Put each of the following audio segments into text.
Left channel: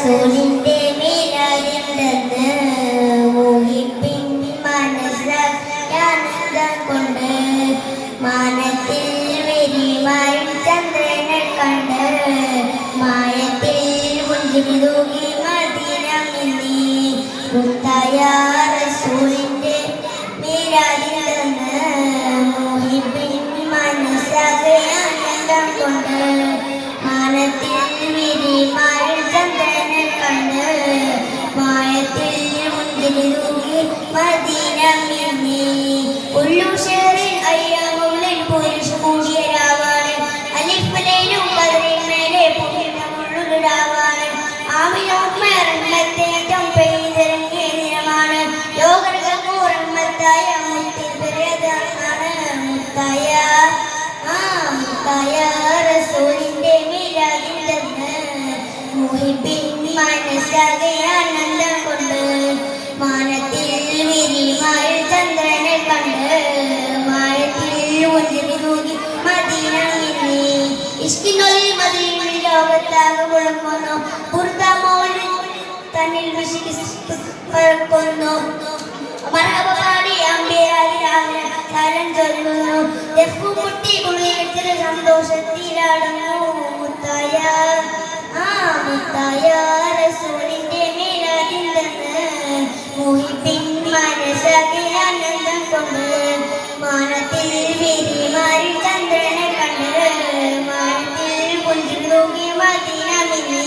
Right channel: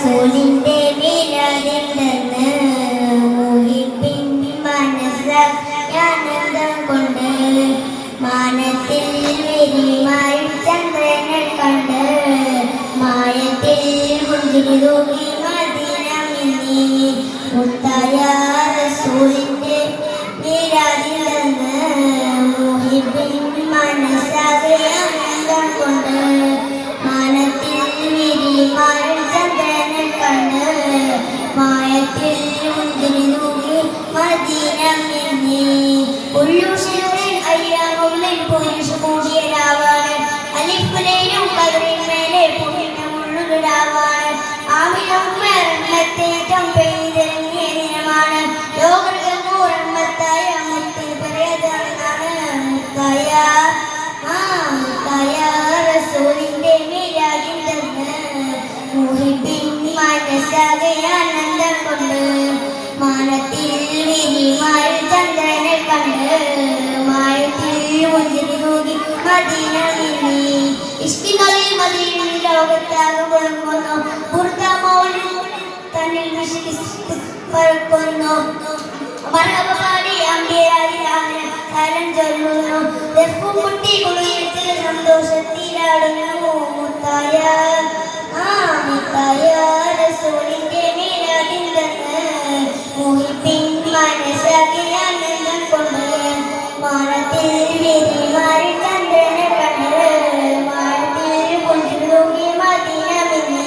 റസൂലിന്റെ മീലാദിന്റെന്ന് മോഹിപ്പിൻ മനസ്സാനന്ദം കൊണ്ട് മാനത്തിൽ വെരിമാരി ചന്ദ്രനെ കണ്ട് മായത്തിൽ മുഞ്ചിൽ തൂകി മദീന മിന്നി മുത്തായ റസൂലിന്റെ മീലാദിന്റെന്ന് മോഹിപ്പിൻ മനസ്സാനന്ദം കൊണ്ട് മാനത്തിൽ വെരിമാരി ചന്ദ്രനെ കണ്ട് മായത്തിൽ മുഞ്ചിൽ തൂകി മദീന മിന്നി ഉള്ളുഷേറിൻ അയ്യാമുള്ളിൽ പുരുഷ കൂടിയ രാവാണ് അലിഫിലേലും കതിരിന്മേലെ പുണ്യമുള്ളുരാവാണ് ആമിനോമ്മത്തേറ്റം പെയ്തിറങ്ങിയ ദിനമാണ് ലോകർക്ക് റഹ്മത്തായ മുത്തിൽ പ്രിയതാണ് മുത്തായ റസൂലിന്റെ മീലാദിന്റെന്ന് മുഹിബിൻ മനസ്സാകെ ആനന്ദം കൊണ്ട് മാനത്തിൽ വിരിമാൽ ചന്ദ്രനെ കണ്ട് മായത്തിൽ മുഞ്ചിൽ തൂകി മദീന മിന്നി ഇഷ്കിനൊലി മദീനയിൽ ലോകത്താകെ മുഴങ്ങുന്നു ബുർദമൗലിൽ തന്നിൽ വിശിക്കുന്നു മർഹബ പാടി അമ്പിയാരി കാലം ചൊല്ലുന്നു ദഫ്ഫു മുട്ടി കുളിയത്തിൽ സന്തോഷത്തിലാടുന്നു മുത്തായ റസൂലിന്റെ മീലാദിന്റെന്ന് മോഹിപ്പിൻ മനസ്സാകെ ആനന്ദം കൊണ്ട് മാനത്തിൽ വെരിമാരി ചന്ദ്രനെ കണ്ട് മാനത്തിൽ പുഞ്ചിൽ തൂകി മദീന മിന്നി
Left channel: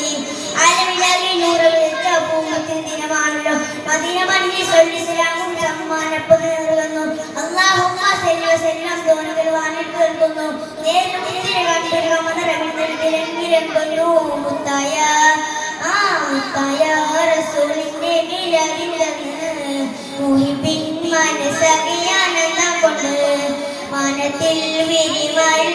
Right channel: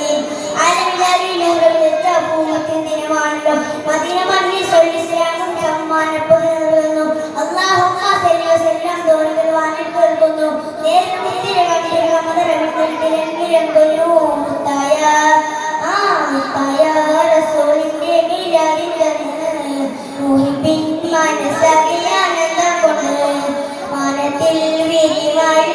അലവിലവി നൂറുവിളിച്ച പൂമത്തിൻ ദിനമാണല്ലോ മദീന മണ്ണിൽ സൊല്ലിസ്ലാമും സമ്മാനപ്പത് നിറുകുന്നു അല്ലാഹുമ്മ സല്ലി വസല്ലം തോണികൾ വാനിൽ കേൾക്കുന്നു നേരിട്ടിരെ കണ്ടിരുക മദറവിന്ദിരങ്ങുന്നു മുത്തായ റസൂലിന്റെ മീലാദിന്റെന്ന് മോഹിപ്പിൻ മനസ്സാകെ ആനന്ദം കൊണ്ട് മാനത്തിൽ വെരിമാരി